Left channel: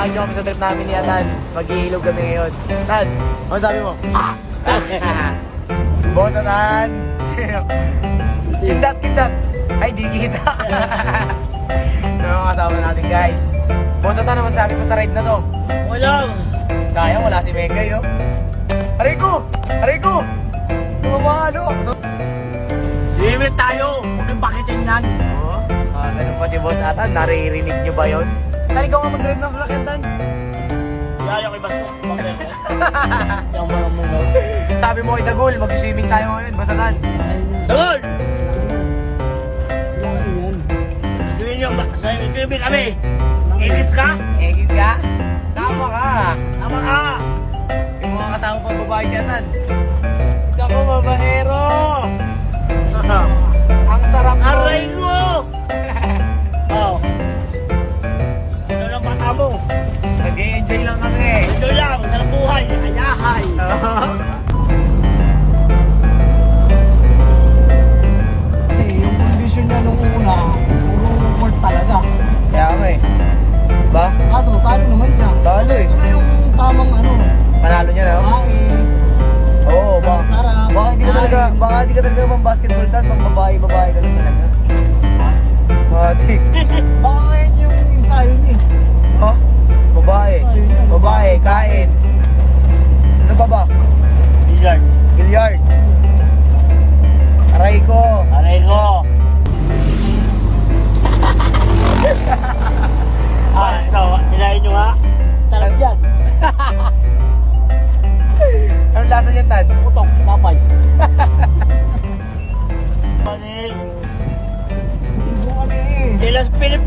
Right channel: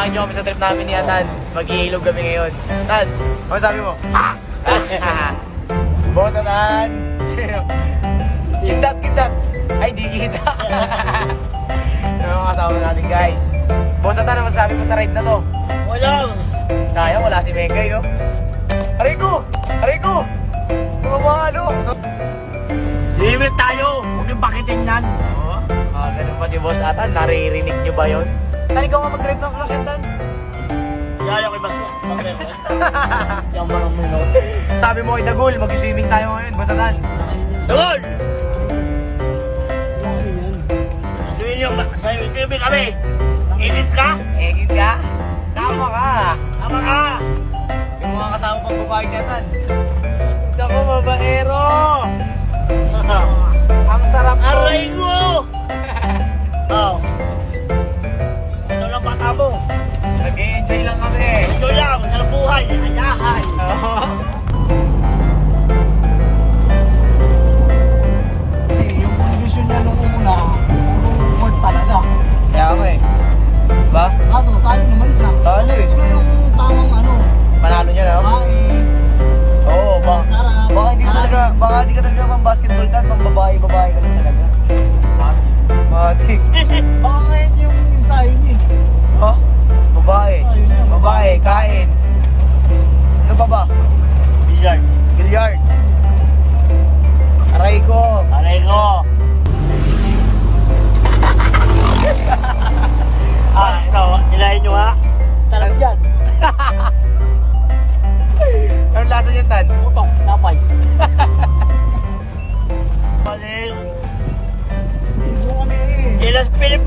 Samahan niyo kami sa trip namin ni Atan. Mag-iilog kami ngayon. Tan, ano sabi mo? Ah! Bukas na Tan. Kindat, kindat. Ay, di kita. Sabi mo kay Dagol, mag-swimming tayo ngayon, Boss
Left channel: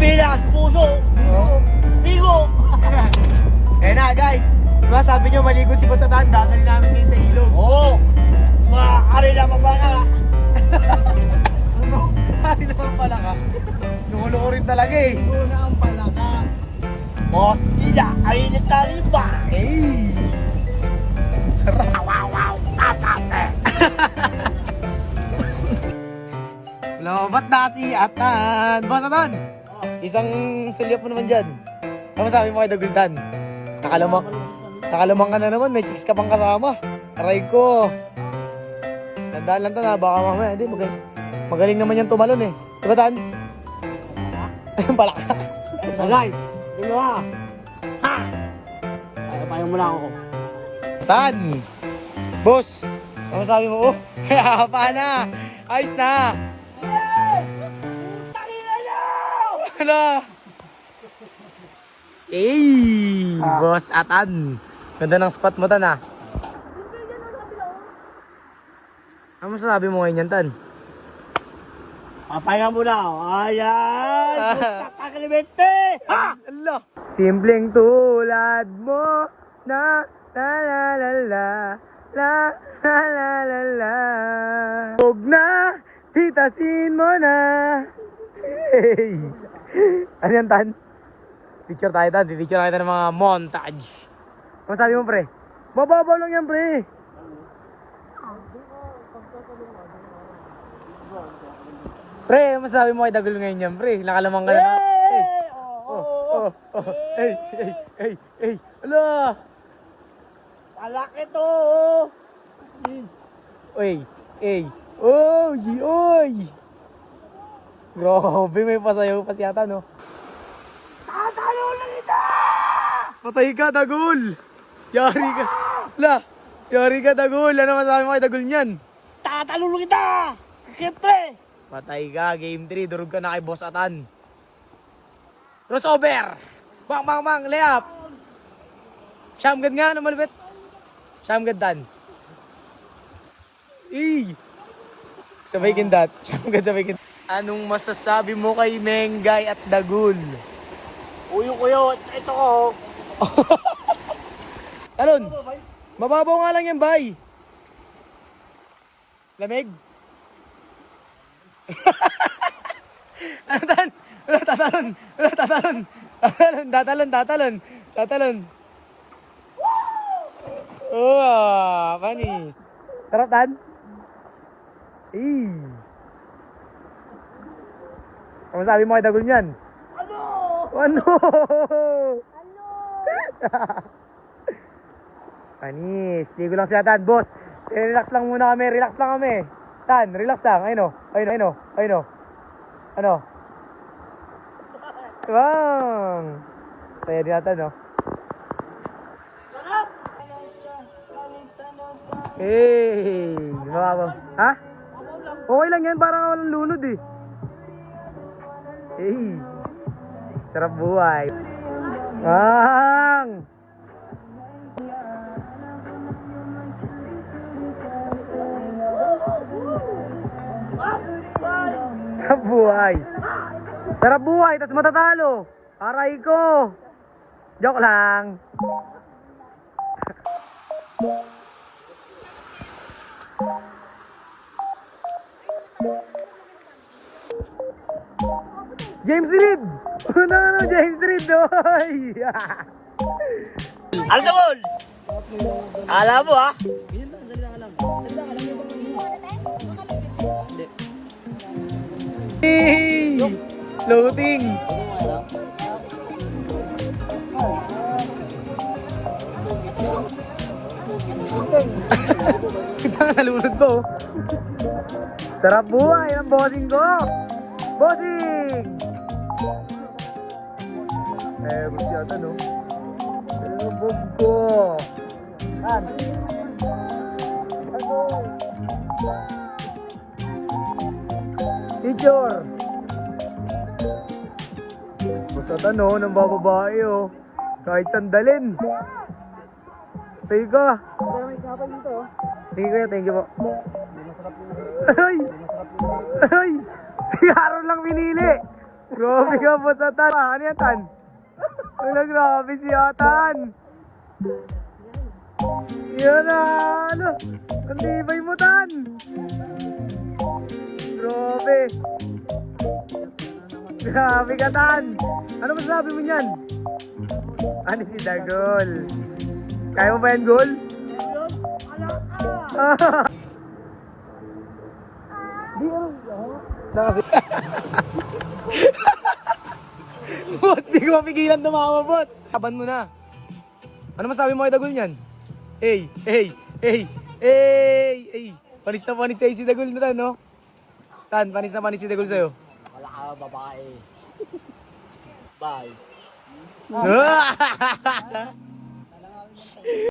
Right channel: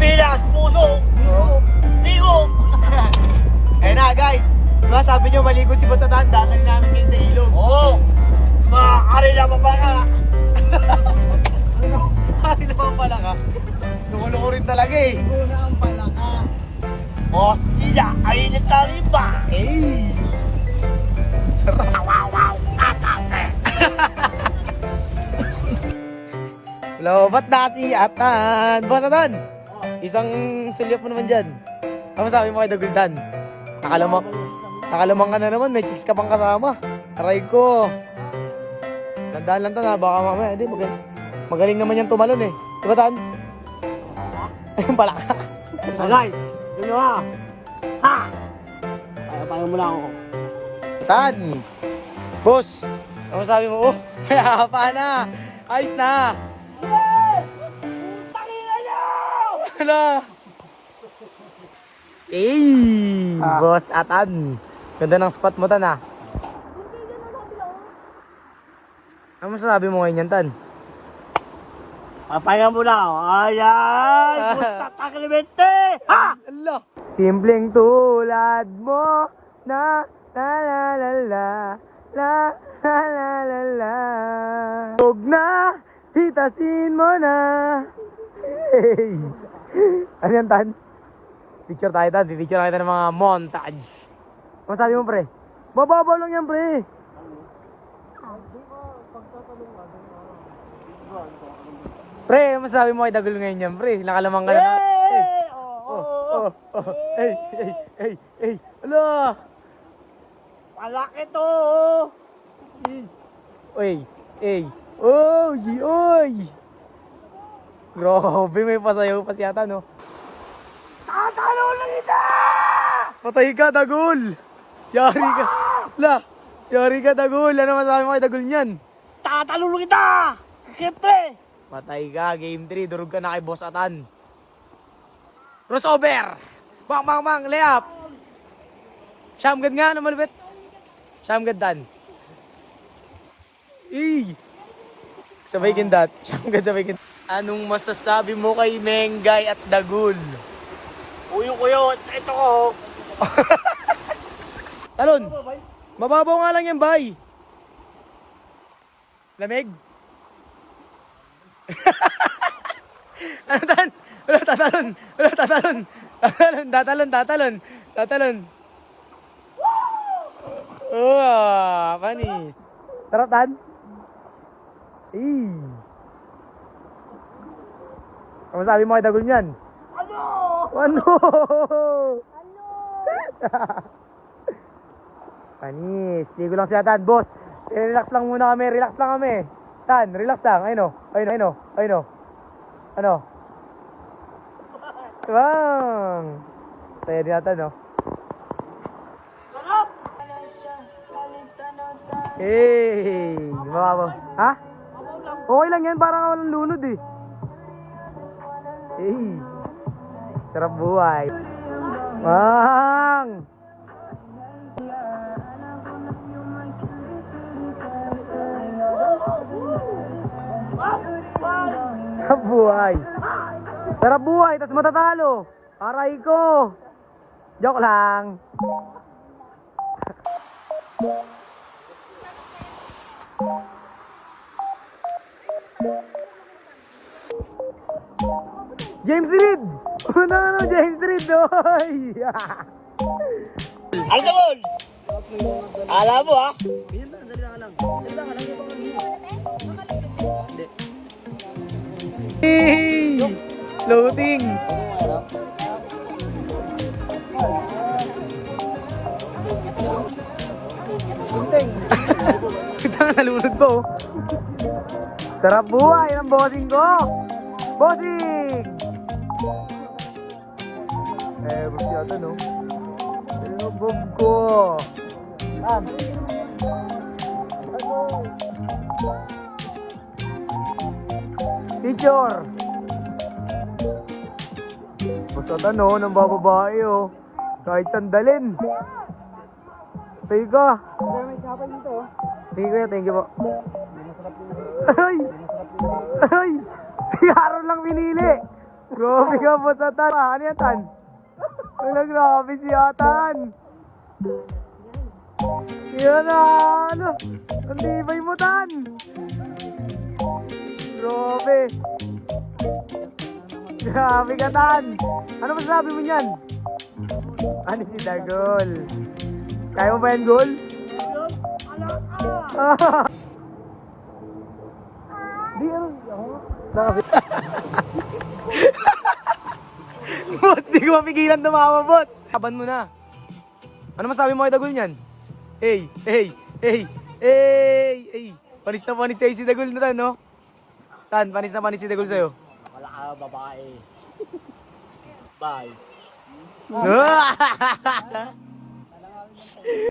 bilang at puso. Ligo! Ayan na guys, diba sabi nyo maligo si Pasatan, dati namin din sa ilog. Oo! Maaari na pa pala. Maaari na pa pala ka. Tumulo rin talaga eh. Una ang pala ka. Boss, kaya ayun yung talipa. Sarap. Nasi atan? Basta! Isang sulyap mo naman dyan. Ano sabi mo kay Dagultan? Nakalamang, nakalamang ka na naman, may chicks ka pang kasama. Aray ko. Tandaan lang to na, baka mamaya, hindi, magaling, magaling naman yan tumalon eh. Tugataan. Ayun pala ka. So guys, nyo ha. Ha! Ano tayo muna ako? Tan! Boss! Ano sabi mo? Oh, pa na! Ayos na! Ano? Eh, Ah. boss Atan. Ganda ng spot mo, Tan, ah. Ano masasabi mo ngayon yan, Tan? Papayan mo na ako. Ayan! Ah. Kakalimente! Ha! Allah! Simpleng tulad mo na la la la la la la la la la Huwag na, titasin mo na Hey! Ano yan, Tan? Picture tayo, Tan. Picture tayo ng mga montage. Ano sabi mo, pre? Mababaw lang yan, pre. Pre, ano masabi mo kay Dagul ngayon yan, pre? Nakalamang ka na. Hey! Oh, Oh, oh, oh. Hey, hey, hey, hey. Ala! Malaki to! oh. Oy, hey. Oy, oy. Grabe, may pasayaw pa si ata, no? Tatalo na kita! Patay ka, Dagul! Yari ka. La, yari ka, Dagul. Ano masabi mo kay Dagul niyan? Tatalo na kita! Siyempre! Patay ka, game 3. Durog ka na kay Boss Atan. Crossover! Mang, mang, mang, layup! Shamgad nga, ano malupit? Shamgad dan. Eh! Sabay kindat. Sabay kindat. Anong masasabi mo kay Mengay at Dagul? Uyo ko yun. Ito ko. Talon! Mababaw nga lang yan, bay! Lamig? ano tan? Wala tatalon! Wala tatalon! Tatalon, tatalon, tatalon! Tatalon! Oh, panis! Sarap tan? Eh! Ano sabi mo kay Dagol niyan? Ano? Ano? Panis. Ligo lang sila, Tan. Boss, relax lang muna kami. Relax lang kami. Tan, relax lang. Ayun o. Ayun o. Ayun o. Ayun o. Ano? Wow! Saya din natin, no? Hey! Mababa. Ha? Okay lang yan, parang walang lunod eh. Hey! Sarap buhay. Mang! Sarap buhay. Sarap buhay, tas matatalo. Aray ko. Joke lang. James Reed! Ano ano, James Reed, oy! Algamon! Alam mo ha? Hey! Loading! Ito ang nalunod ko. oh. Sarap buhay ng bossing ko! Bossing! Eh, gusto yata no? Lubog ko! Ah. Picture! Basta tano, ng bababae oh. Kahit sandalin. Thank ka. Thank you, thank you po. Ay! Ay! Si Aaron lang pinili. Grabe ka po sa tan. Ano yan tan? Wala grabe si Atan. Yan na, ano? Kandibay mo tan. Grabe. Grabe ka tan. Ano masasabi mo niyan? Ano si Dagol? Kaya mo ba yan, Gol? Di ano? boss, di ko mapigilan tumawa, boss. Taban mo na. Ano masabi mo kay Dagol niyan? Hey, hey, hey, hey, hey. Panis na panis sa'yo si Dagol na tan, no? Tan, panis na panis si Dagol sa'yo. Wala ka babae. Bye. Ah!